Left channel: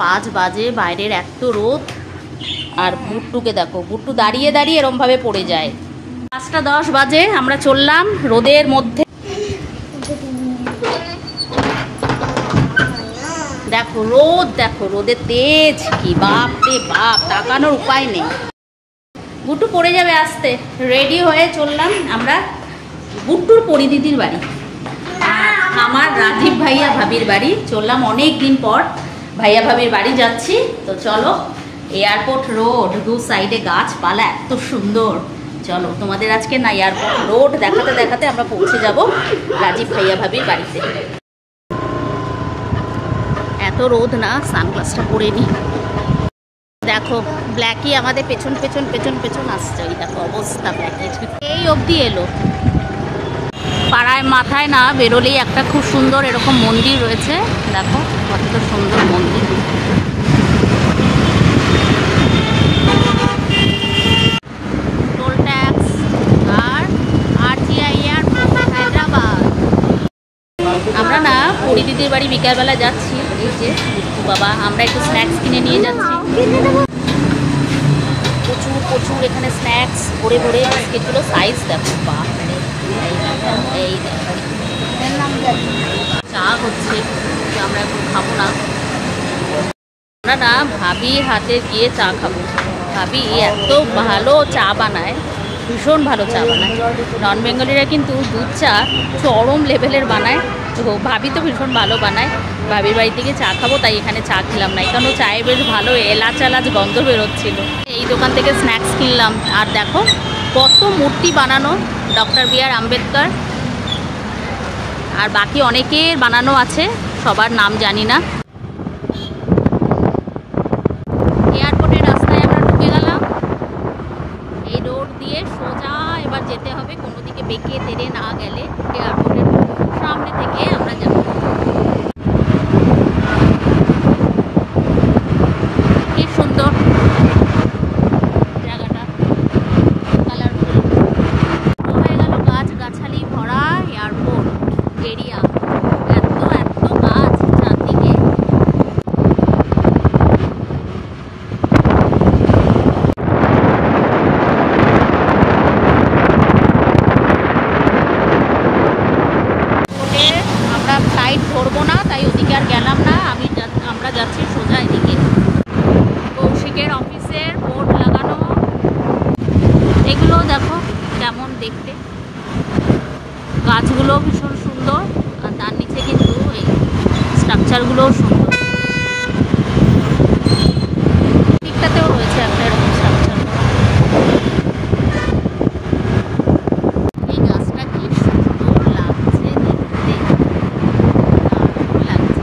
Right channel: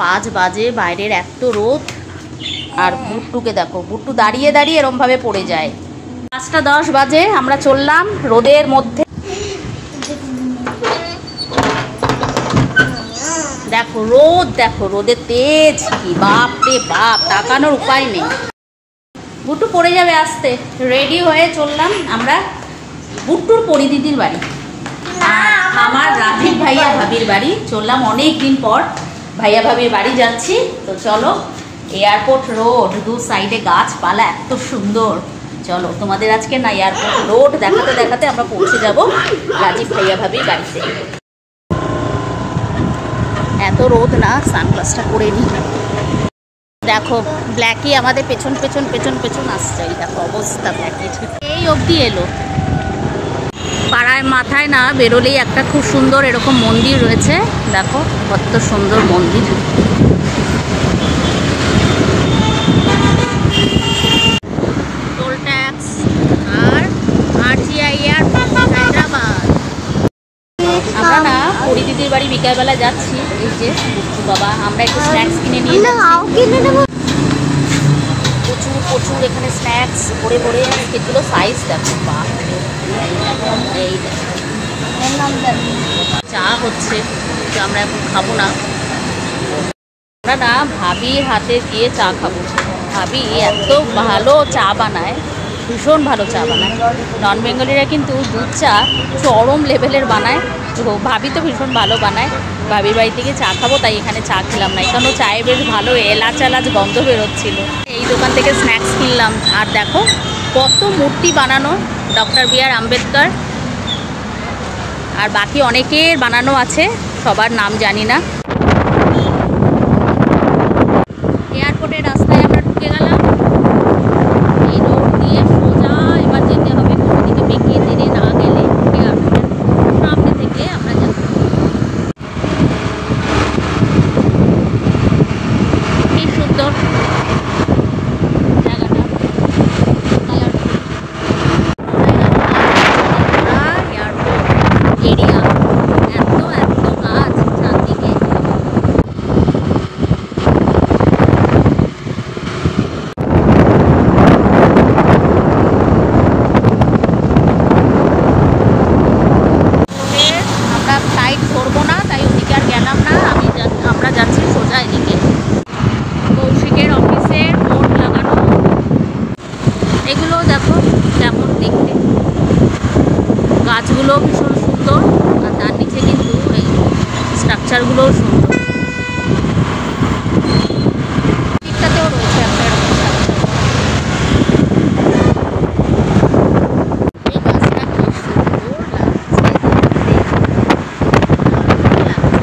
5 বাজে, বাইরের এত রোদ। আর বুট্টুকে দেখো, বুট্টু দাঁড়িয়ে দাঁড়িয়ে এরমভাবে পড়ে যায়। 5টা 10 বাজে, আমরা চললাম রোদের মধ্যে। দেখো রোদ, দেখো রোদের তেজ কি, বাপ রে বাপ, তাকানোর উপায় নেই। বুট্টু পড়ে যাবে আসতে। রেডি হয়ে চললাম আমরা বুট্টুর পরিদিদির বাড়ি আর আমার রাজীব ভাইয়া ভাবির বাড়ি। চললাম অনেক দিন পর ভাইয়া ভাবির বাড়ি যাচ্ছি। তো চলো, এয়ারপোর্ট রোড, 2 সাইডে গাছপালা এত সুন্দর। চলো তোমাদের আজকে না এয়ারপোর্ট রোড দেখাতে দেখাতে আমরা পৌঁছে যাব রাজীব ভাইয়া ভাবির বাড়িতে। এত রোদ না, সানগ্লাসটা পরে নি। দেখো ব্ল্যাকি আমাদের পেছন পেছন পেছন পেছন আসছে। এই দেখো অবস্থা ব্ল্যাকির, এই অবধি এলো। পাড়ায় মাথায় না বেরোলেই একটা খুব সুন্দর এরকম মন্দির রয়েছে। দেখো কত সুন্দর মন্দির। টোল ট্যাক্স আর RGI হায়দ্রাবাদ। আমরা না পরিদিদির বাড়ি বিকালবেলা যাচ্ছি। এই যে বুট্টু বাবা, আমরা একটু স্ন্যাক্স কিনে নিয়ে যাচ্ছি। প্রচুর প্রচুর এখানে স্ন্যাক্স ভরে ভরে। বিস্কিটগুলো সাইজ দেখো, বাপ রে। এই দেখো চা হচ্ছে, আমরা এখন খাবো না। আমরা না ভাবির হাতে গিয়ে চা খাবো। ভাবি এত ভালো চা বানায়, ভীষণ ভালো চা বানায়। নন বেঙ্গলিরা কিন্তু দুধ চা চরম লেভেলের বানায়। তো ভাবি তো ভীষণ ভালো বানায়। ভাবির বাড়ি থেকে চা খাবো, তাই এখানে চা খেলাম না। এখানে চায়ে বেশ ভালো এলাচ এলাচ গন্ধ বেরোচ্ছিল। এই দোকান থেকে স্ন্যাক্স কিনলাম। আর দেখো কত মূর্তি বানানো, ডক্টর বি আর আম্বেদকর আর বাকি অনেকের বানানো আছে, সবার নাম জানি না। এয়ারপোর্টের রাস্তায় আমরা ঢুকে গেলাম। এই রোড দিয়ে সোজা এবার যেতে হবে, কোনো দিকে বেঁকে তেড়ে না গেলে। এয়ারপোর্টের সামনে থেকে আমরা যাব। কি সুন্দর জায়গাটা, কালারফুল। এয়ারপোর্ট এরিয়া, এত এত গাছ চারদিকে। আমরা ফ্লাইট ধরবো না, তাই ওদিকে আর গেলাম না। আমরা যাচ্ছি সোজা এদিকে। কৌশিকের অফিসের বোর্ড লাগানো, এগুলো দেখো কেমন দেখতে। গাছগুলো ভীষণ সুন্দর, আর তার নিচে কিন্তু এই স্ট্রাকচারগুলোও সুন্দর। দিকটাতেও রয়েছে একটা এরকম স্ট্রাকচার করা। এই গাছটা কি সুন্দর লাগছে দেখতে, দারুণ লাগছে।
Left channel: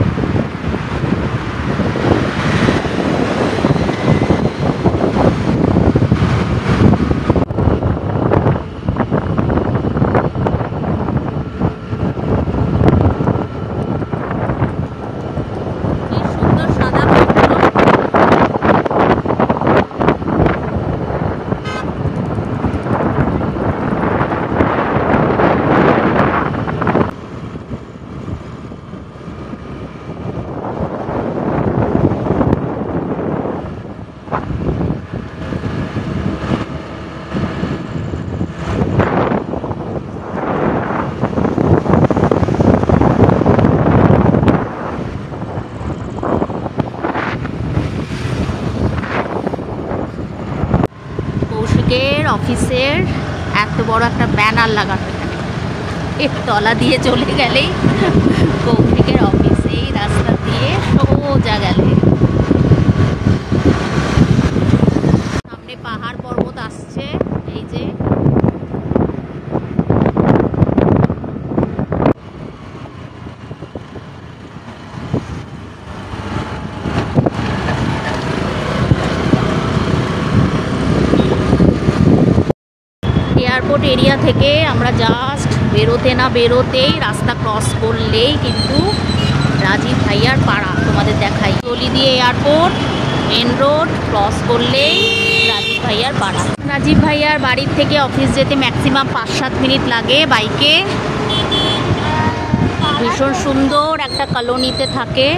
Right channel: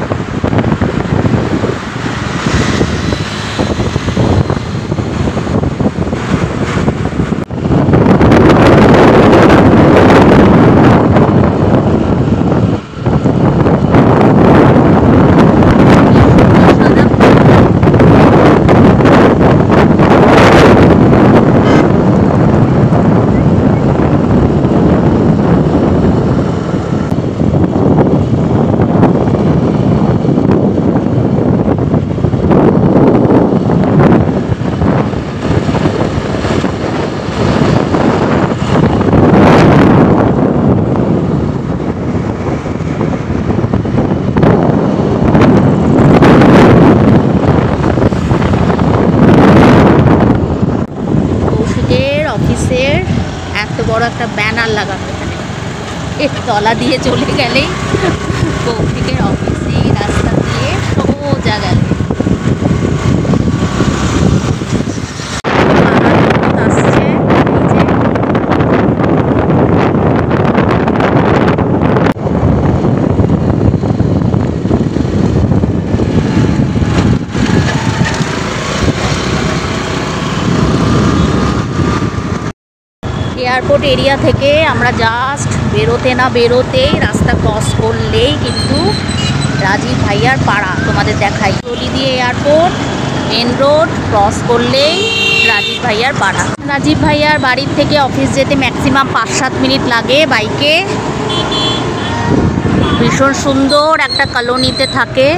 অফিসের এত বড় একটা ব্যানার লাগানো এখানে। এর তলা দিয়ে চলে গেলেই কৌশিকের অফিস, এই রাস্তা দিয়ে সোজা গেলে এয়ারপোর্ট এরিয়া থেকে আমরা জাস্ট বেরোতে না বেরোতেই, রাস্তা ক্রস করলেই কিন্তু রাজীব ভাইয়ার পাড়া। তোমাদের দেখাই, গলি দিয়ে এয়ারপোর্ট, মেন রোড ক্রস করলেই রাজীব ভাইয়ার পাড়া। রাজীব ভাইয়ার বাড়ির থেকে অফিস যেতে ম্যাক্সিমাম 5-7 মিনিট লাগে বাইকে। ভীষণ সুন্দর একটা কলোনিতে থাকে।